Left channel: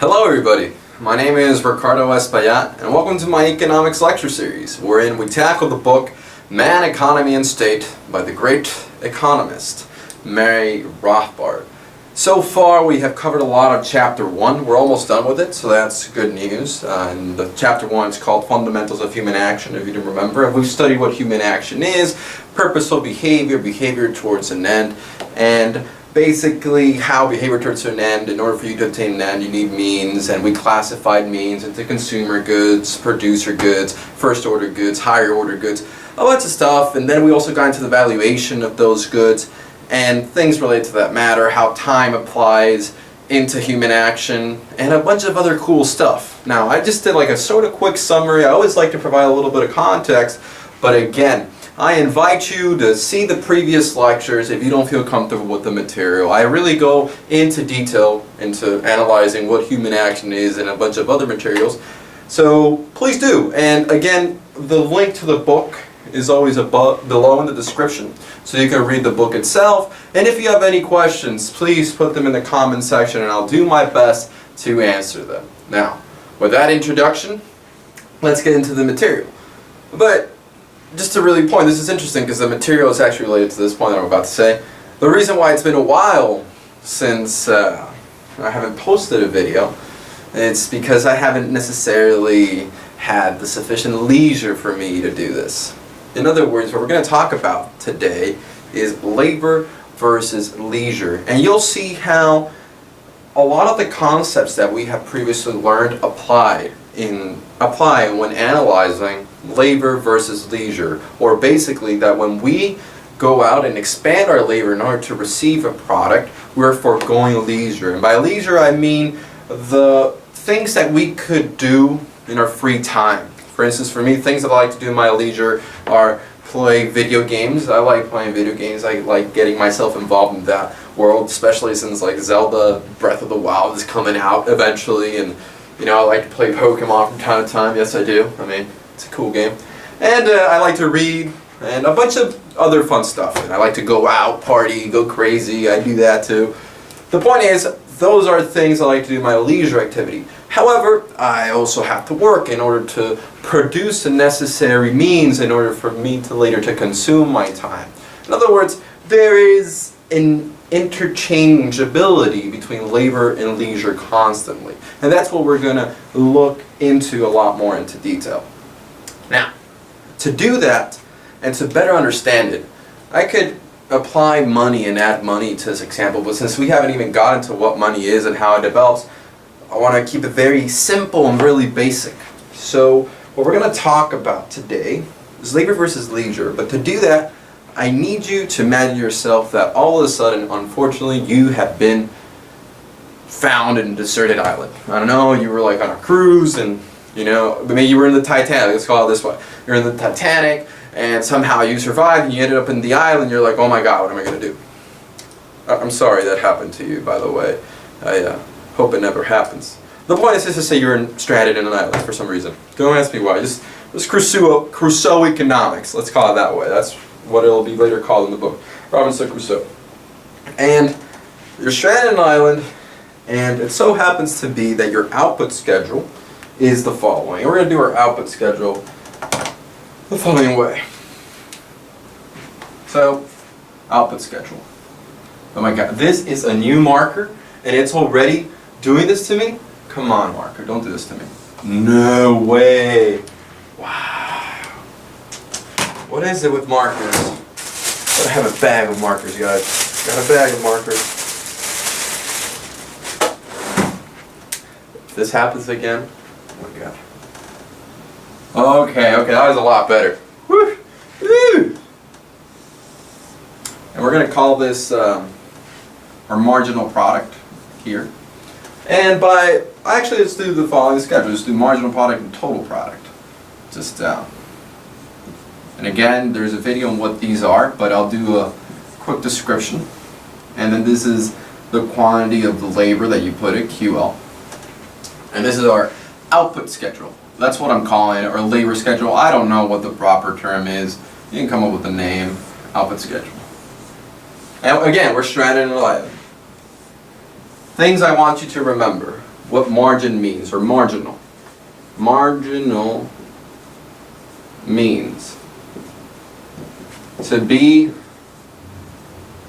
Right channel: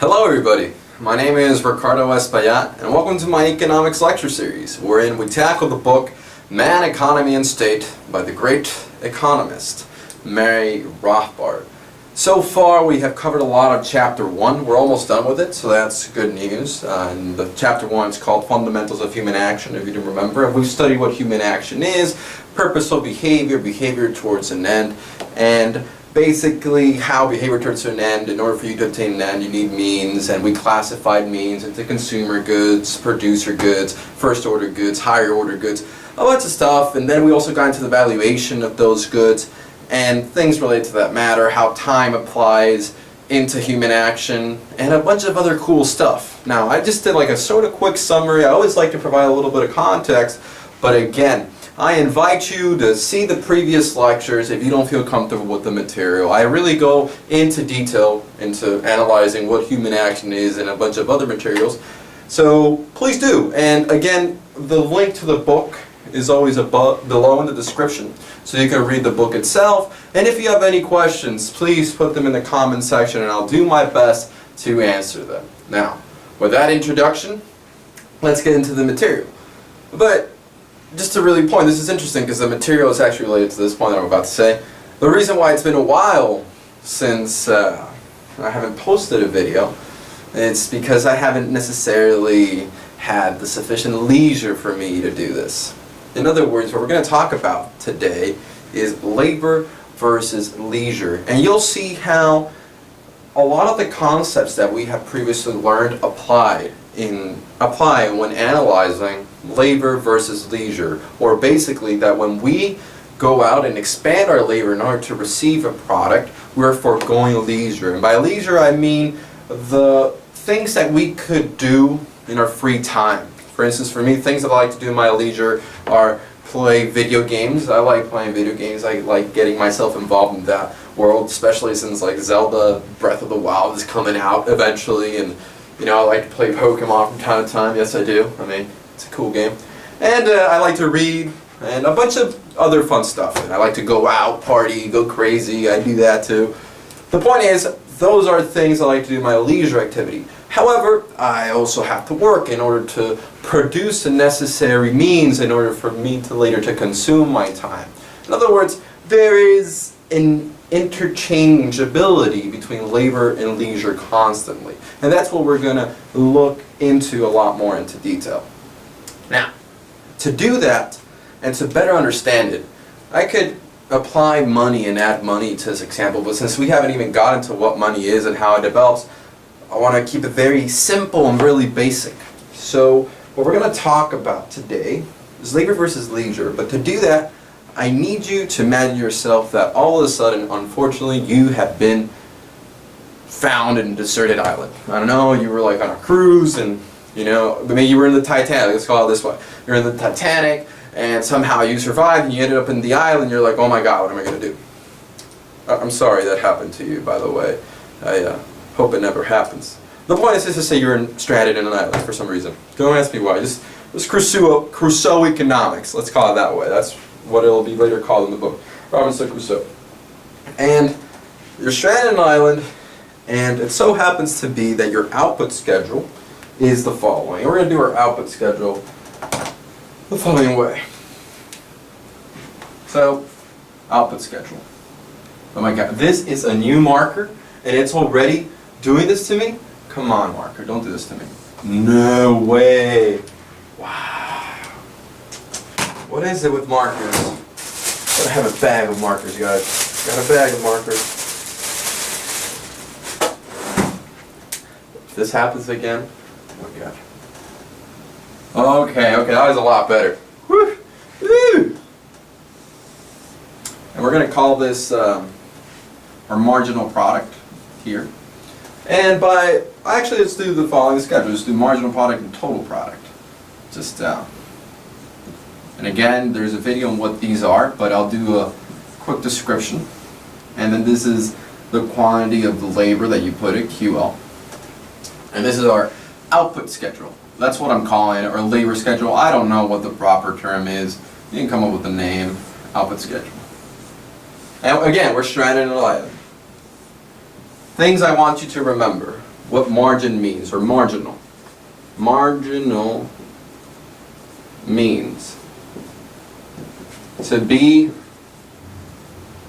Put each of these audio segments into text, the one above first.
Hello everybody, my name is Ricardo Espaillat and welcome to my economics lecture series wherein we tackle the book Man, Economy and State by the great economist Murray Rothbard. So far we have covered a lot of chapter 1, we're almost done with it, so that's good news. And the chapter 1 is called Fundamentals of Human Action, if you didn't remember. And we've studied what human action is, purposeful behavior, behavior towards an end, and basically how behavior towards an end, in order for you to obtain an end, you need means, and we classified means into consumer goods, producer goods, first order goods, higher order goods, a bunch of stuff, and then we also got into the valuation of those goods and things related to that matter, how time applies into human action, and a bunch of other cool stuff. Now, I just did like a sort of quick summary. I always like to provide a little bit of context, but again, I invite you to see the previous lectures if you don't feel comfortable with the material. I really go into detail into analyzing what human action is and a bunch of other materials. So please do. And again, the link to the book is always below in the description, so you can read the book itself. And if you have any questions, please put them in the comment section and I'll do my best to answer them. Now, with that introduction, let's get into the material. But just to really point, this is interesting because the material is actually related to this point that I'm about to say. The reason why it's been a while since I haven't posted a video, it's because I haven't necessarily had the sufficient leisure for me to do this. In other words, what we're going to talk about today is labor versus leisure. And you'll see how a lot of the concepts that we have previously learned apply when analyzing labor versus leisure, or basically that when we go out and expand our labor in order to receive a product, we're foregoing leisure. And by leisure I mean the things that we could do in our free time. For instance, for me, things that I like to do in my leisure are play video games. I like playing video games. I like getting myself involved in that world, especially since like Zelda Breath of the Wild is coming out eventually, and you know, I like to play Pokemon from time to time. Yes, I do. I mean, it's a cool game. And I like to read and a bunch of other fun stuff. And I like to go out, party, go crazy. I do that too. The point is, those are things I like to do in my leisure activity. However, I also have to work in order to produce the necessary means in order for me to later to consume my time. In other words, there is an interchangeability between labor and leisure constantly. And that's what we're going to look into a lot more into detail. Now, to do that and to better understand it, I could apply money and add money to this example, but since we haven't even got into what money is and how it develops, I want to keep it very simple and really basic. So what we're going to talk about today is labor versus leisure, but to do that, I need you to imagine yourself that all of a sudden, unfortunately, you have been found in a deserted island. I don't know, you were like on a cruise and, you know, maybe you were in the Titanic, let's call it this way. You're in the Titanic and somehow you survived and you ended up in the island, you're like, oh my god, what am I going to do? I'm sorry that happened to you, by the way. I hope it never happens. The point is just to say you're stranded in an island for some reason. Don't ask me why, just Crusoe economics, let's call it that way. That's what it'll be later called in the book, Robinson Crusoe. And you're stranded on an island, and it so happens to be that your output schedule is the following. We're going to do our output schedule the following way. So, output schedule. Oh my god, this is a new marker, and it's already doing this to me? Come on, marker, don't do this to me. No way. Wow. What is it with markers? Gotta have a bag of markers, guys. Got a bag of markers. If this happens again, oh my god. Okay, that was a lot better. Woo! Woo! And we're gonna call this our marginal product here. And actually let's do the following schedule. Let's do marginal product and total product. Just and again, there's a video on what these are, but I'll do a quick description. And then this is the quantity of the labor that you put at QL. And this is our output schedule. That's what I'm calling it, or labor schedule. I don't know what the proper term is. You can come up with the name, output schedule. And again, we're stranded in an island. Things I want you to remember. what margin means, or marginal. Marginal means to be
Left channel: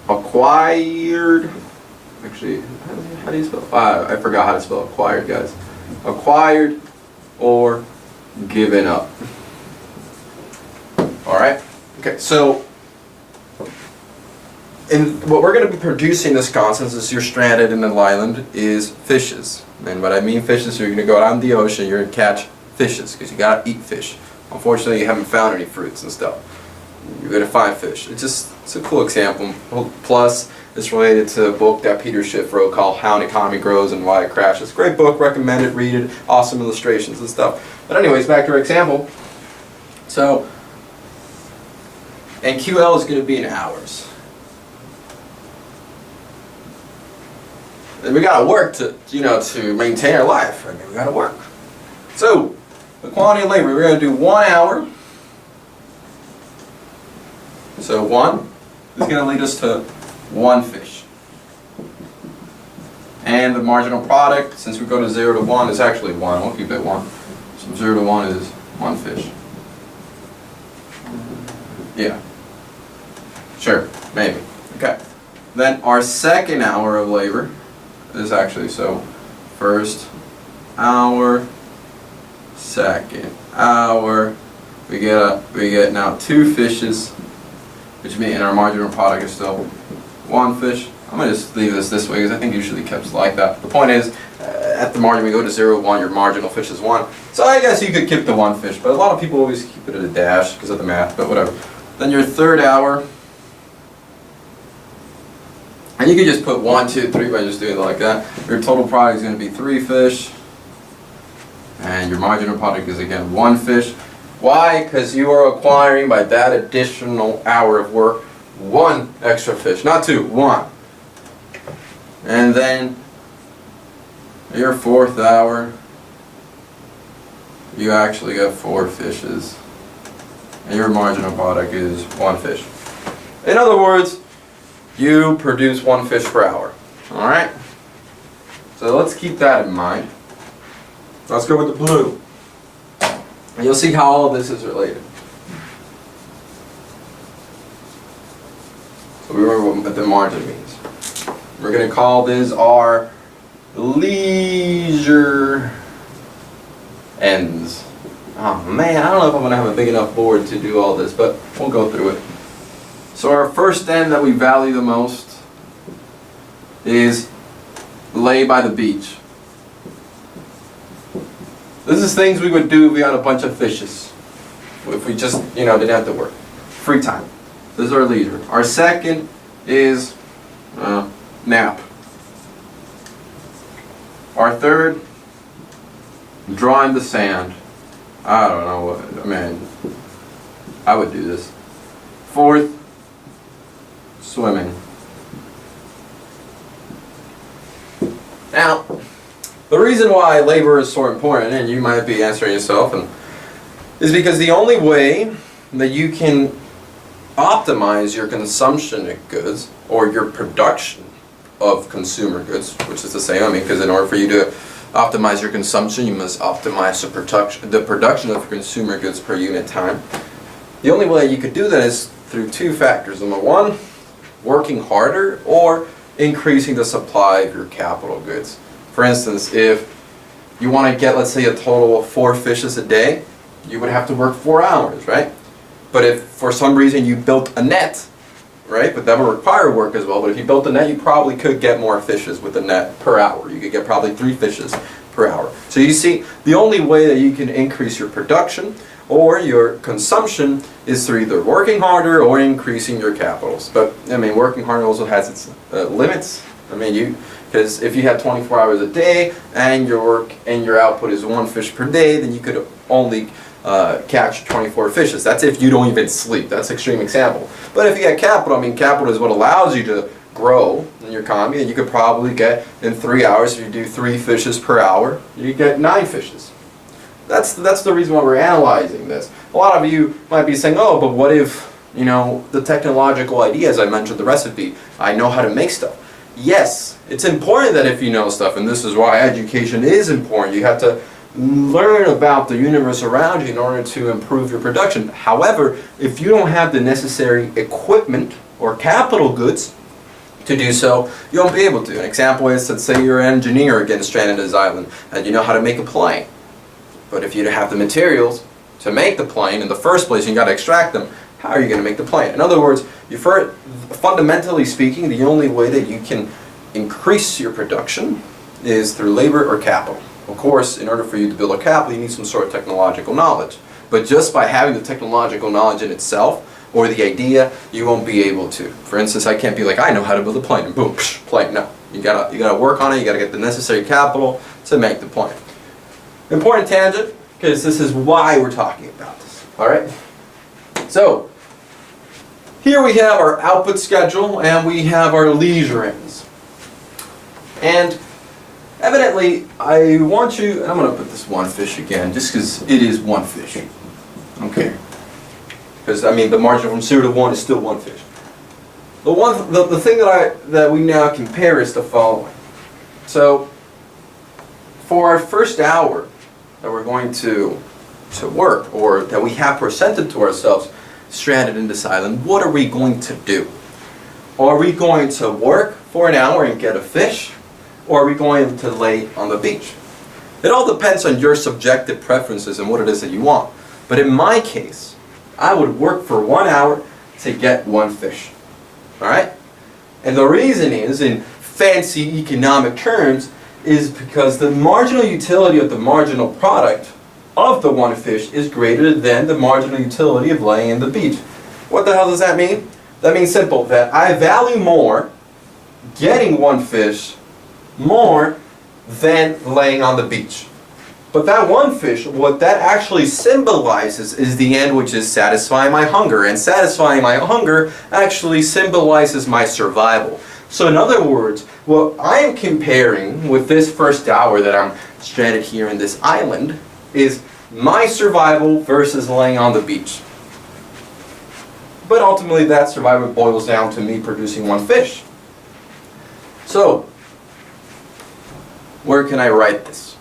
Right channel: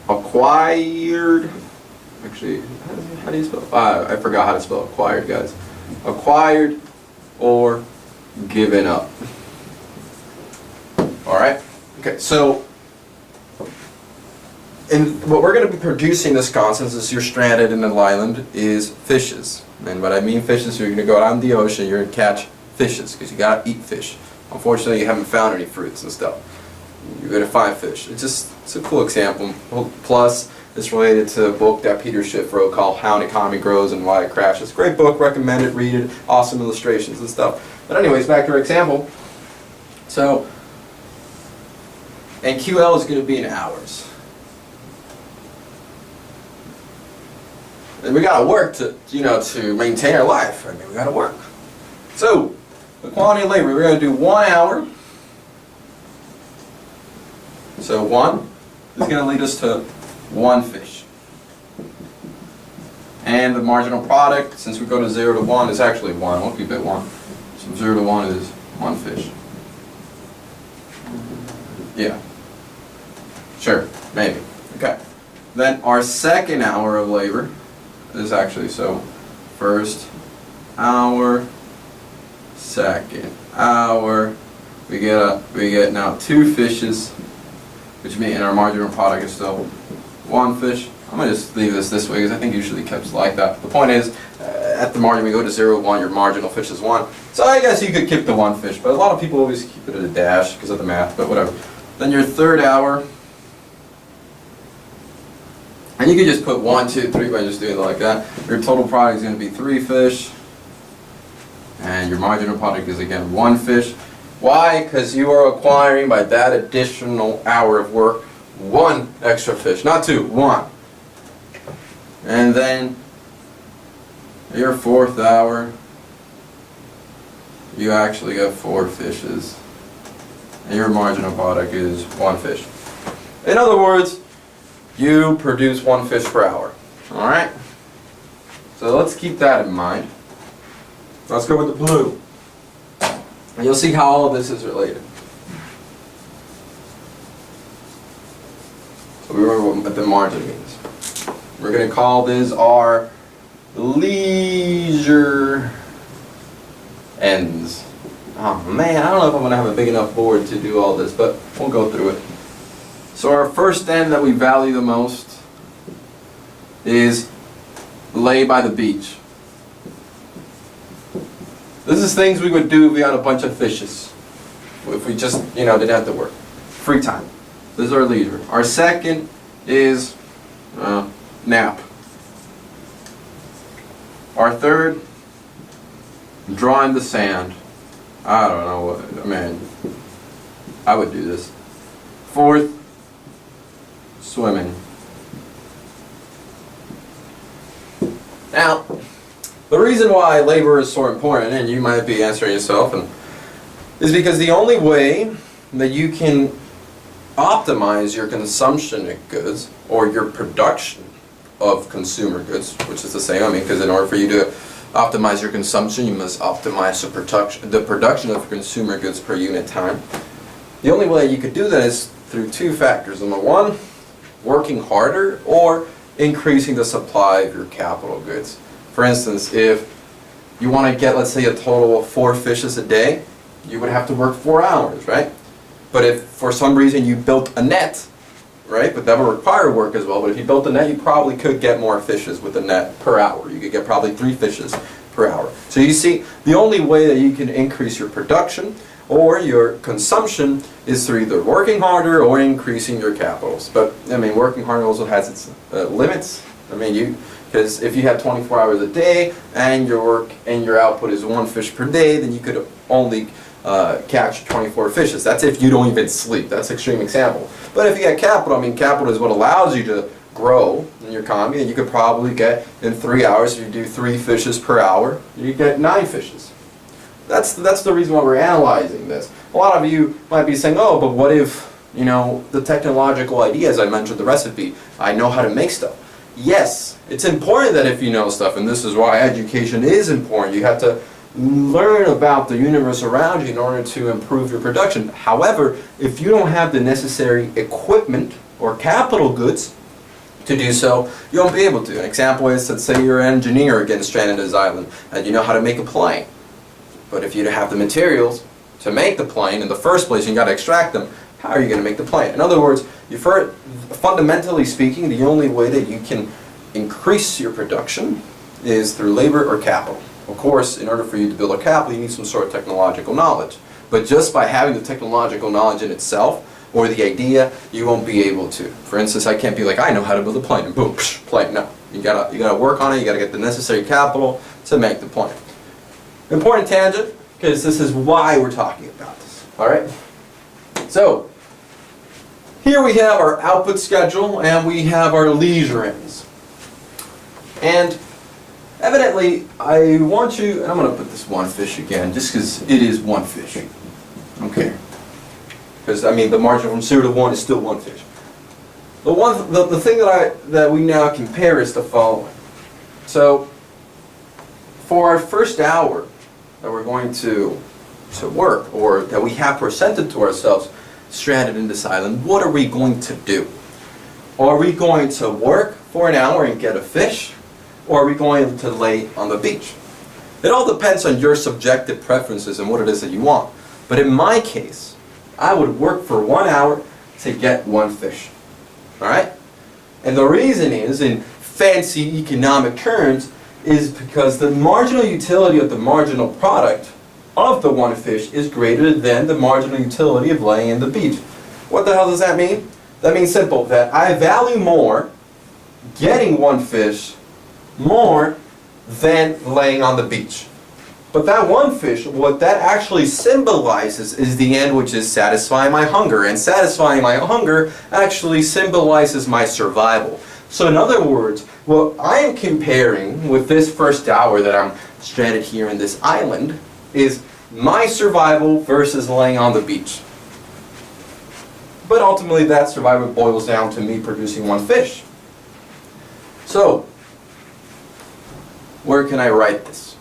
acquired. Actually, how do you spell? I forgot how to spell acquired, guys. Acquired or given up. Alright? Okay, so what we're going to be producing this concept is you're stranded in an island is fishes. And what I mean fishes, you're going to go out in the ocean, you're going to catch fishes, because you got to eat fish. Unfortunately, you haven't found any fruits and stuff. You're going to find fish. It's a cool example. Plus, it's related to a book that Peter Schiff wrote called How an Economy Grows and Why It Crashes. Great book, recommend it, read it, awesome illustrations and stuff. But anyways, back to our example. So, and QL is going to be in hours. And we got to work to maintain our life. I mean, we got to work. So, the quantity of labor, we're going to do 1 hour. So 1 is going to lead us to 1 fish. And the marginal product, since we go to 0 to 1, is actually 1. We'll keep it 1. So 0 to 1 is 1 fish. Yeah. Sure, maybe. Okay. Then our second hour of labor is actually, so first hour, second hour, we get now 2 fishes, which means our marginal product is still 1 fish. I'm going to just leave this way because I think usually kept like that. The point is, at the margin we go to 0, 1, your marginal fish is 1. So I guess you could keep the 1 fish, but a lot of people always keep it at a dash because of the math, but whatever. Then your third hour, and you could just put 1, 2, 3 by just doing it like that. Your total product is going to be 3 fish. And your marginal product is again 1 fish. Why? Because you are acquiring by that additional hour of work 1 extra fish. Not 2, 1. And then your 4th hour, you actually got 4 fishes. And your marginal product is 1 fish. In other words, you produce 1 fish per hour. Alright? So let's keep that in mind. Let's go with the blue. And you'll see how all of this is related. So we remember what the margin means. We're going to call this our leisure ends. Oh man, I don't know if I'm going to have a big enough board to do all this, but we'll go through it. So our first end that we value the most is lay by the beach. This is things we would do if we had a bunch of fishes. If we just, didn't have to work. Free time. This is our leisure. Our second is nap. Our third, draw in the sand. I don't know what, I would do this. Fourth, swimming. Now, the reason why labor is so important, and you might be answering yourself, is because the only way that you can optimize your consumption of goods, or your production of consumer goods, which is the same, because in order for you to optimize your consumption, you must optimize the production of consumer goods per unit time. The only way you could do that is through 2 factors. Number 1, working harder, or increasing the supply of your capital goods. For instance, if you want to get, let's say, a total of 4 fishes a day, you would have to work 4 hours, right? But if for some reason you built a net, right, but that would require work as well, but if you built a net, you probably could get more fishes with the net per hour. You could get probably 3 fishes per hour. So you see, the only way that you can increase your production or your consumption is through either working harder or increasing your capitals. But working harder also has its limits. Because if you had 24 hours a day and your work and your output is 1 fish per day, then you could only catch 24 fishes. That's if you don't even sleep. That's an extreme example. But if you get capital, capital is what allows you to grow in your economy, and you could probably get in 3 hours, if you do 3 fishes per hour, you get 9 fishes. That's the reason why we're analyzing this. A lot of you might be saying, oh, but what if, the technological idea, as I mentioned the recipe, I know how to make stuff. Yes, it's important that if you know stuff, and this is why education is important. You have to learn about the universe around you in order to improve your production. However, if you don't have the necessary equipment or capital goods to do so, you won't be able to. An example is, let's say you're an engineer again stranded on this island, and you know how to make a plane. But if you don't have the materials to make the plane in the first place, you got to extract them. How are you going to make the plane? In other words, fundamentally speaking, the only way that you can increase your production is through labor or capital. Of course, in order for you to build a capital, you need some sort of technological knowledge. But just by having the technological knowledge in itself, or the idea, you won't be able to. For instance, I can't be like, I know how to build a plane, and boom, psh, plane. No, you gotta work on it. You gotta get the necessary capital to make the plane. Important tangent, because this is why we're talking about this. All right. So here we have our output schedule, and we have our leisure ends. And evidently, I want you, and I'm going to put this one fish again, just because it is one fish. Okay. Because, I mean, the margin from 0 to 1 is still one fish. The thing that we now compare is the following. So, for our first hour that we're going to work, or that we have presented to ourselves, stranded in this island, what are we going to do? Are we going to work for an hour and get a fish? Or are we going to lay on the beach? It all depends on your subjective preferences and what it is that you want. But in my case, I would work for 1 hour to get one fish. Alright? And the reason is, in fancy economic terms, is because the marginal utility of the marginal product of the one fish is greater than the marginal utility of laying in the beach. What the hell does that mean? That means simple, that I value more getting one fish more than laying on the beach. But that one fish, what that actually symbolizes is the end, which is satisfying my hunger. And satisfying my hunger actually symbolizes my survival. So in other words, what I am comparing with this first hour that I'm stranded here in this island is my survival versus laying on the beach. But ultimately that survival boils down to me producing one fish. So, where can I write this?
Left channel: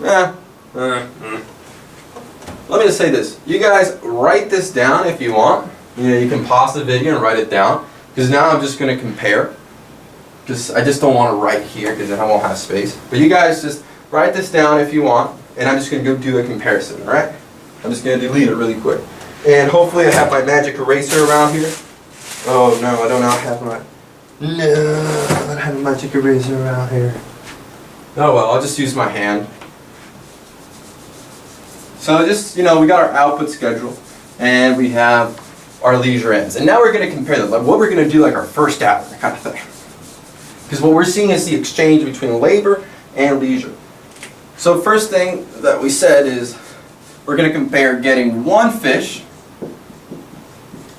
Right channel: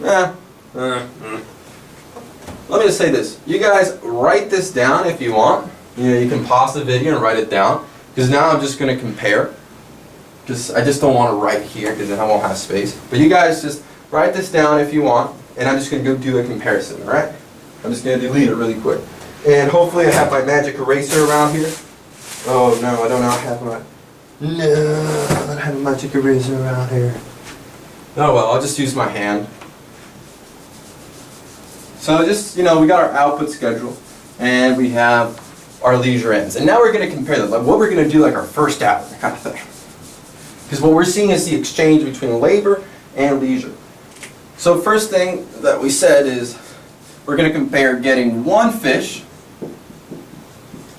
Let me just say this. You guys write this down if you want. You can pause the video and write it down. Because now I'm just going to compare. Because I just don't want to write here because then I won't have space. But you guys just write this down if you want. And I'm just going to go do a comparison, alright? I'm just going to delete it really quick. And hopefully I have my magic eraser around here. Oh no, I do not have my... No, I don't have a magic eraser around here. Oh well, I'll just use my hand. So just, we got our output schedule, and we have our leisure ends. And now we're going to compare them, like what we're going to do like our first hour, kind of thing. Because what we're seeing is the exchange between labor and leisure. So first thing that we said is we're going to compare getting one fish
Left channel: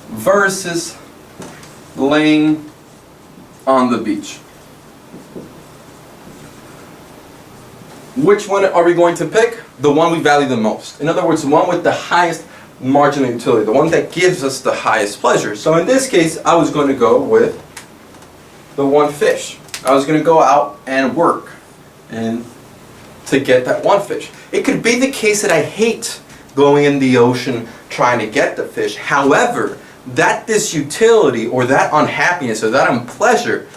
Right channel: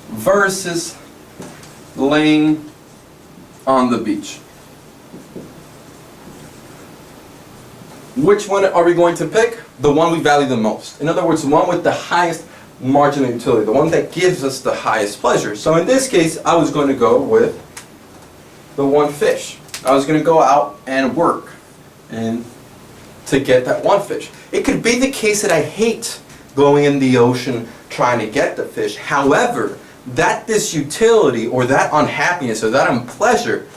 versus laying on the beach. Which one are we going to pick? The one we value the most. In other words, the one with the highest marginal utility, the one that gives us the highest pleasure. So in this case, I was going to go with the one fish. I was going to go out and work and to get that one fish. It could be the case that I hate going in the ocean trying to get the fish. However, that disutility or that unhappiness or that unpleasure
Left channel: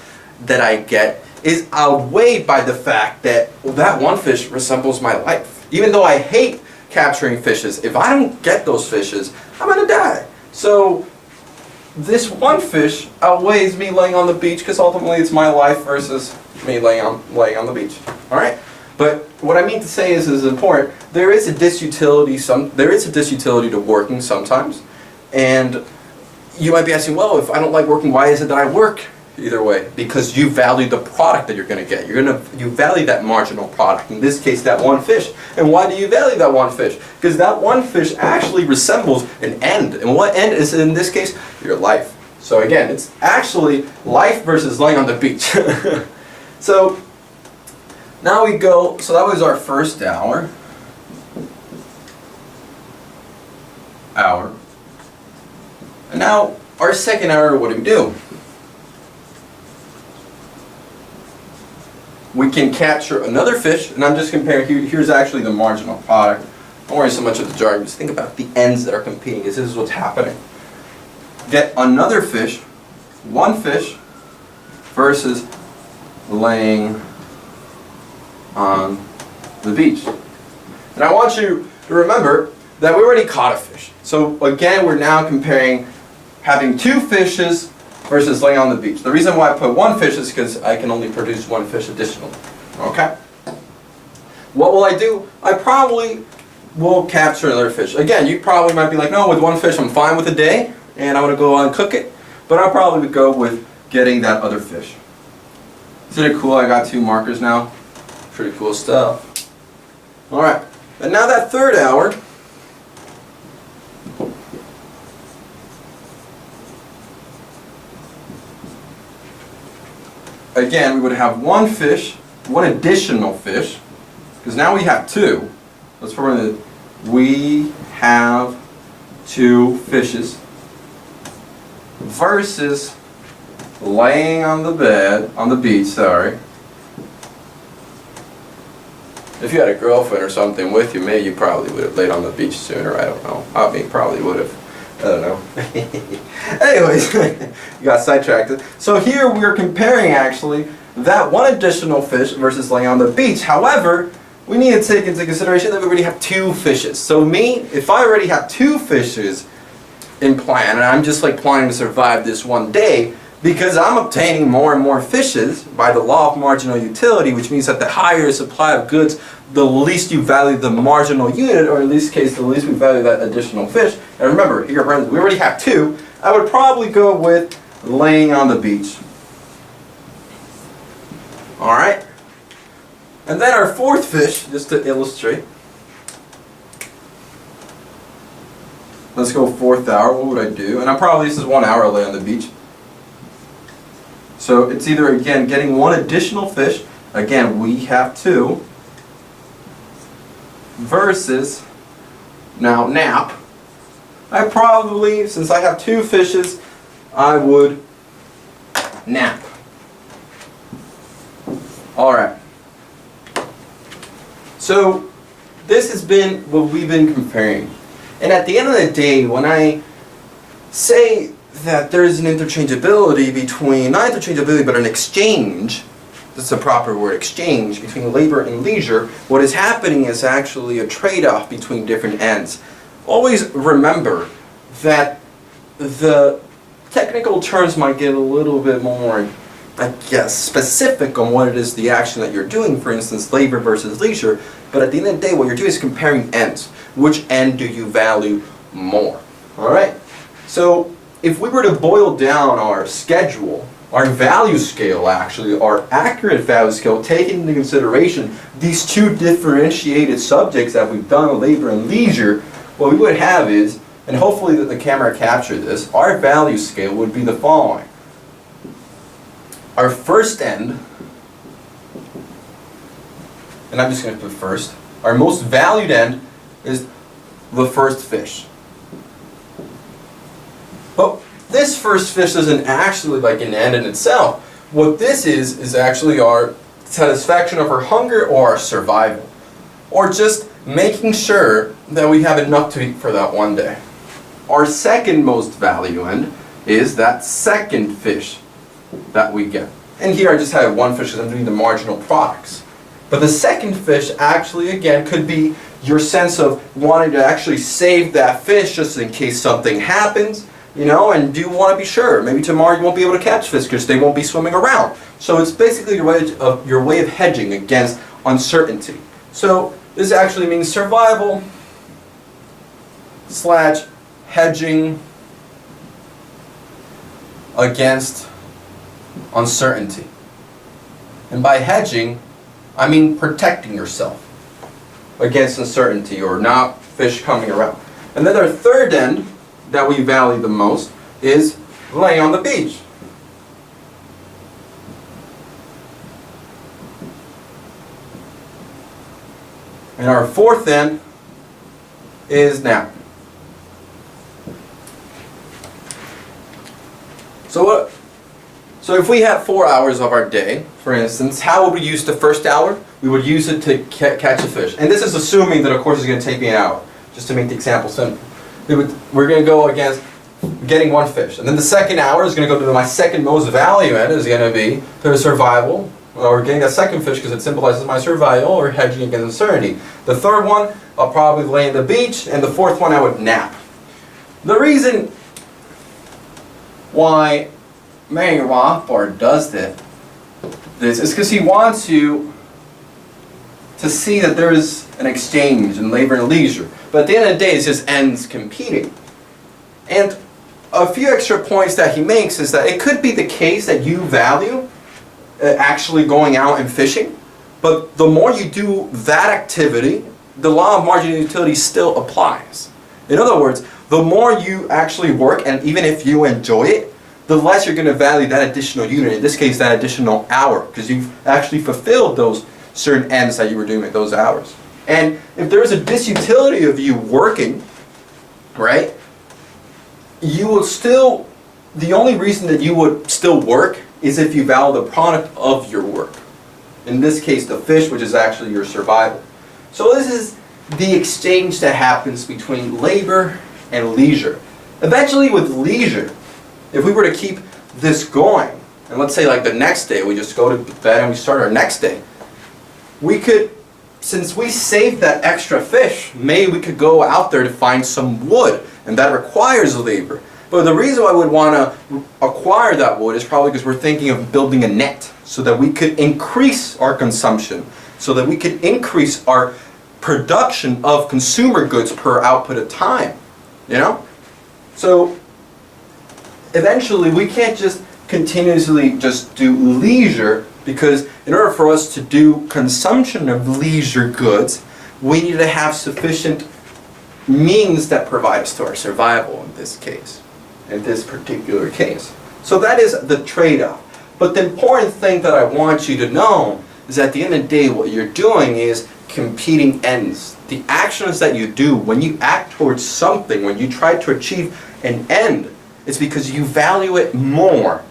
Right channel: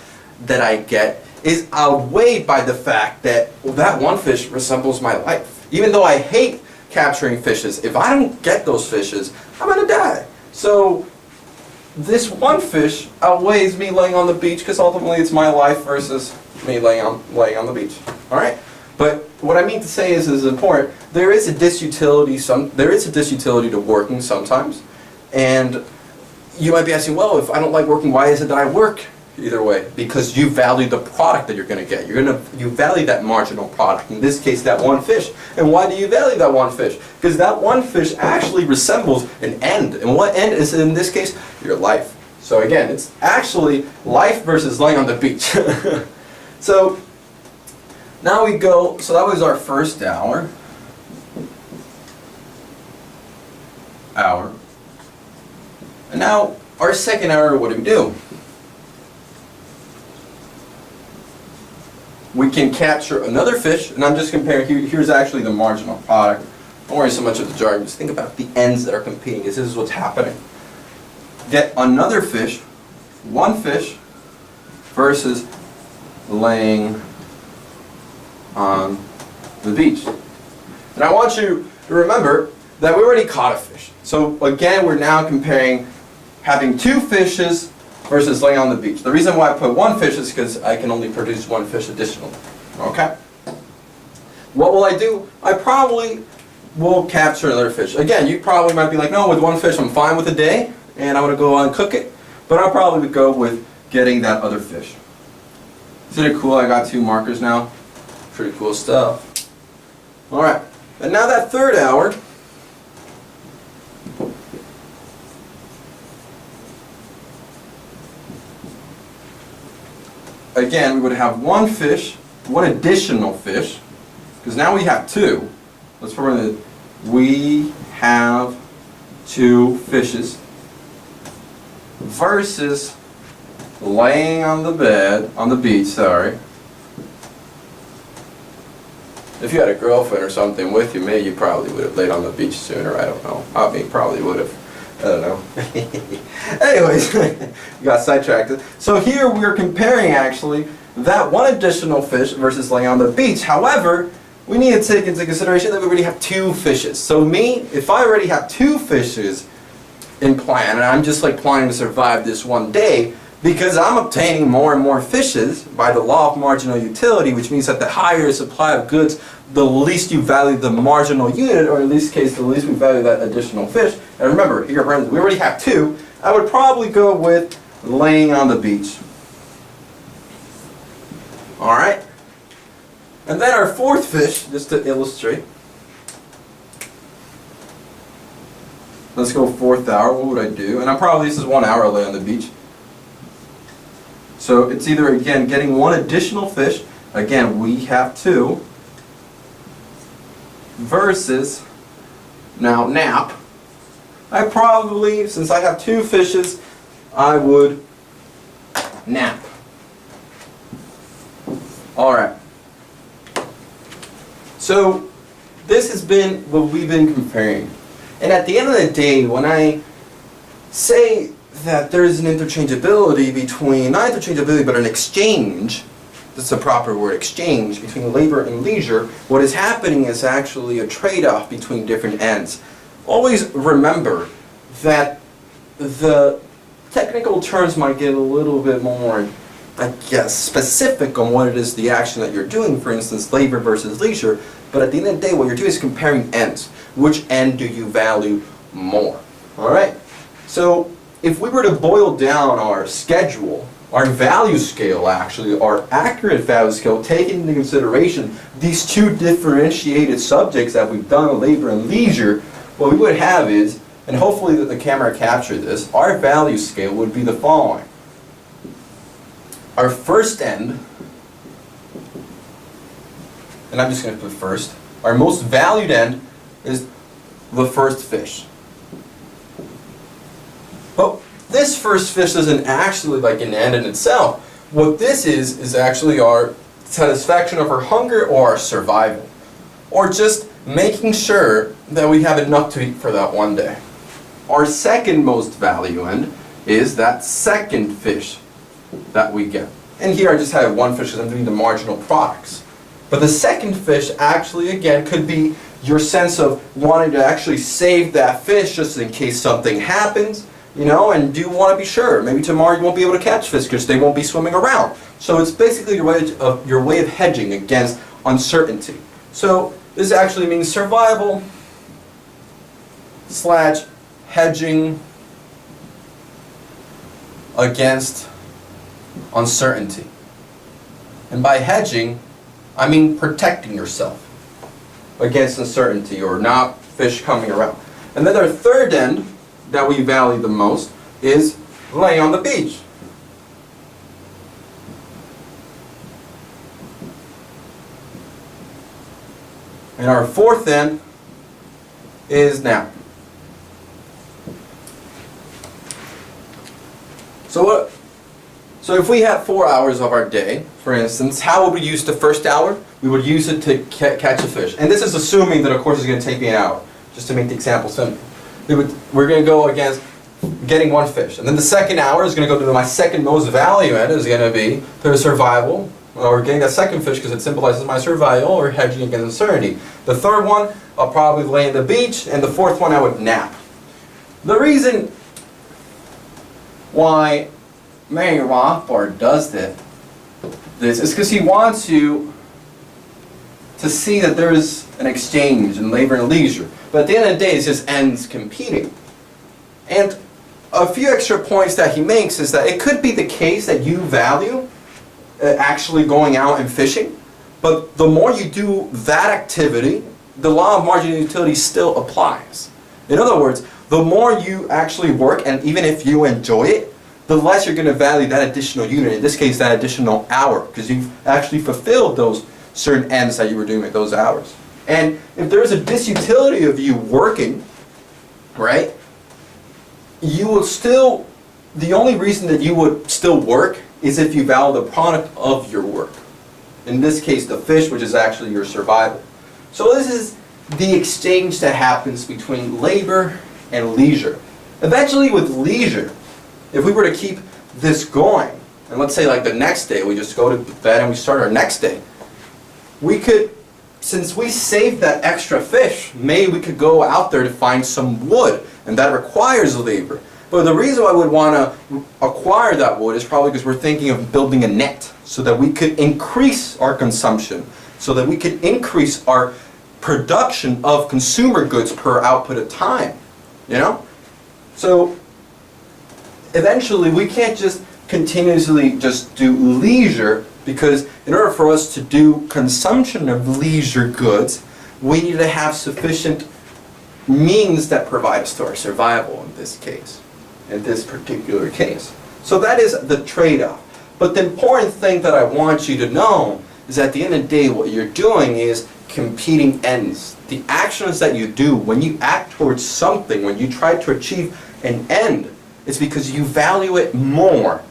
that I get is outweighed by the fact that that one fish resembles my life. Even though I hate capturing fishes, if I don't get those fishes, I'm going to die. So this one fish outweighs me laying on the beach because ultimately it's my life versus me laying on the beach. All right? But what I mean to say is important. There is a disutility. There is a disutility to working sometimes, and you might be asking, well, if I don't like working, why is it that I work? Either way, because you value the product that you're going to get. You value that marginal product. In this case, that one fish. And why do you value that one fish? Because that one fish actually resembles an end. And what end is in this case? Your life. So again, it's actually life versus laying on the beach. So now we go. So that was our first hour. And now our second hour, what do we do? we can capture another fish, and I'm just comparing, here's actually the marginal product. Don't worry so much of the jargon, just think about the ends that are competing, because this is what's happening. Get another fish, one fish, versus laying on the beach. And I want you to remember that we already caught a fish. So again, we're now comparing having two fishes versus laying on the beach. The reason why I put one fish is because I can only produce one fish additionally. Okay? What will I do? I probably will capture another fish. Again, you probably might be like, no, with one fish I'm fine with a day, and I'm going to go and cook it. But I'll probably go with getting that other fish. Isn't it cool? I got two markers now. Pretty cool stuff. Alright, and now that third hour, again, we would have one fish, one additional fish, because now we have two. Let's put in the, we have two fishes versus laying on the bed, on the beach, sorry. If you had a girlfriend or something with you, maybe you probably would have laid on the beach sooner, I don't know. I mean, probably would have. I don't know. Anyways, you got sidetracked. So here we're comparing actually that one additional fish versus laying on the beach. However, we need to take into consideration that we already have two fishes. So me, if I already have two fishes in plan, and I'm just like planning to survive this one day, because I'm obtaining more and more fishes by the law of marginal utility, which means that the higher the supply of goods, the least you value the marginal unit, or in this case, the least we value that additional fish. And remember, here friends, we already have two. I would probably go with laying on the beach. Alright? And then our fourth fish, just to illustrate. Let's go fourth hour, what would I do? And I'm probably, this is 1 hour lay on the beach. So it's either, again, getting one additional fish, again, we have two, versus, now nap. I probably, since I have two fishes, I would nap. Alright. So this has been what we've been comparing. And at the end of the day, when I say that there is an interchangeability between, not interchangeability, but an exchange, that's the proper word, exchange, between labor and leisure, what is happening is actually a trade-off between different ends. Always remember that the technical terms might get a little bit more, I guess, specific on what it is the action that you're doing, for instance, labor versus leisure, but at the end of the day, what you're doing is comparing ends. Which end do you value more? Alright? So, if we were to boil down our schedule, our value scale actually, our accurate value scale, taking into consideration these two differentiated subjects that we've done, labor and leisure, what we would have is, and hopefully that the camera captured this, our value scale would be the following. Our first end, and I'm just going to put first, our most valued end is the first fish. But this first fish isn't actually like an end in itself. What this is actually our satisfaction of our hunger or our survival. Or just making sure that we have enough to eat for that one day. Our second most value end is that second fish that we get. And here I just have one fish because I'm doing the marginal products. But the second fish actually, again, could be your sense of wanting to actually save that fish just in case something happens, you know, and do want to be sure. Maybe tomorrow you won't be able to catch fish because they won't be swimming around. So it's basically your way of hedging against uncertainty. So this actually means survival / hedging against uncertainty. And by hedging, I mean protecting yourself against uncertainty or not fish coming around. And then our third end that we value the most is laying on the beach. And our fourth end is nap. So if we had 4 hours of our day, for instance, how would we use the first hour? We would use it to catch a fish. And this is assuming that a course is going to take me an hour, just to make the example simple. We're going to go against getting one fish. And then the second hour is going to go to my second most value end, is going to be to survival, or getting that second fish because it symbolizes my survival, or hedging against uncertainty. The third one, I'll probably lay on the beach, and the fourth one I would nap. The reason why Mary Rothbard does this is because he wants you to see that there is an exchange in labor and leisure. But at the end of the day, it's just ends competing. And a few extra points that he makes is that it could be the case that you value actually going out and fishing, but the more you do that activity, the law of marginal utility still applies. In other words, the more you actually work, and even if you enjoy it, the less you're going to value that additional unit, in this case that additional hour, because you've actually fulfilled those certain ends that you were doing at those hours. And if there is a disutility of you working, right, you will still, the only reason that you would still work is if you value the product of your work. In this case, the fish, which is actually your survival. So this is the exchange that happens between labor and leisure. Eventually with leisure, if we were to keep this going, and let's say like the next day, we just go to bed and we start our next day, we could, since we saved that extra fish, maybe we could go out there to find some wood, and that requires labor. But the reason why we would want to acquire that wood is probably because we're thinking of building a net so that we could increase our consumption, so that we could increase our production of consumer goods per output of time, you know? So eventually we can't just continuously just do leisure, because in order for us to do consumption of leisure goods, we need to have sufficient means that provide us to our survival in this case, in this particular case. So that is the trade-off. But the important thing that I want you to know is at the end of the day, what you're doing is competing ends. The actions that you do when you act towards something, when you try to achieve an end, it's because you value it more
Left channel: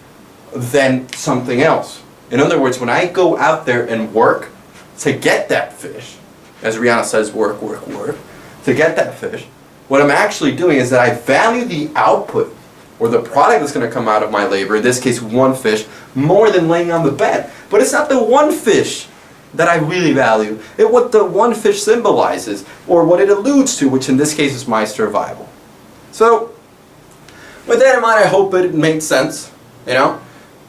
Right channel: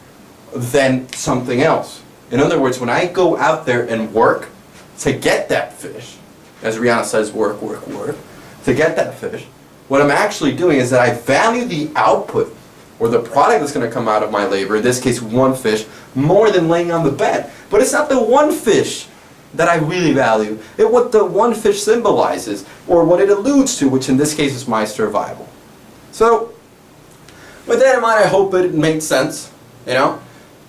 than something else. In other words, when I go out there and work to get that fish, as Rihanna says, work, work, work, to get that fish, what I'm actually doing is that I value the output or the product that's going to come out of my labor, in this case one fish, more than laying on the bed. But it's not the one fish that I really value. It's what the one fish symbolizes, or what it alludes to, which in this case is my survival. So, with that in mind, I hope it made sense, you know?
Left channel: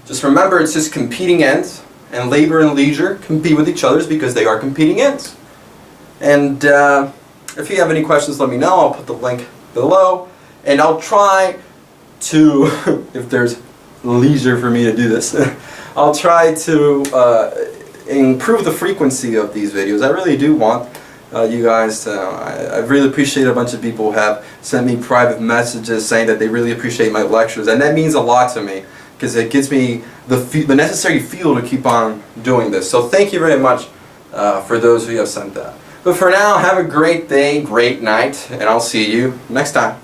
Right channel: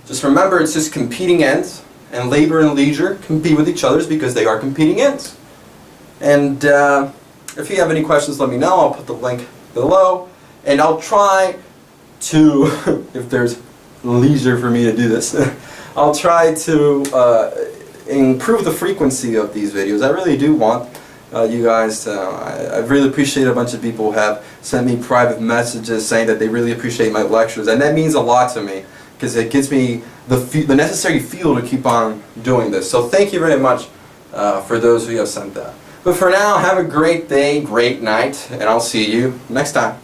Just remember, it's just competing ends, and labor and leisure compete with each other because they are competing ends. And if you have any questions, let me know. I'll put the link below, and I'll try to, if there's leisure for me to do this, I'll try to improve the frequency of these videos. I really do want you guys to, I really appreciate a bunch of people who have sent me private messages saying that they really appreciate my lectures, and that means a lot to me because it gives me the necessary fuel to keep on doing this. So thank you very much for those who have sent that. But for now, have a great day, great night, and I'll see you next time.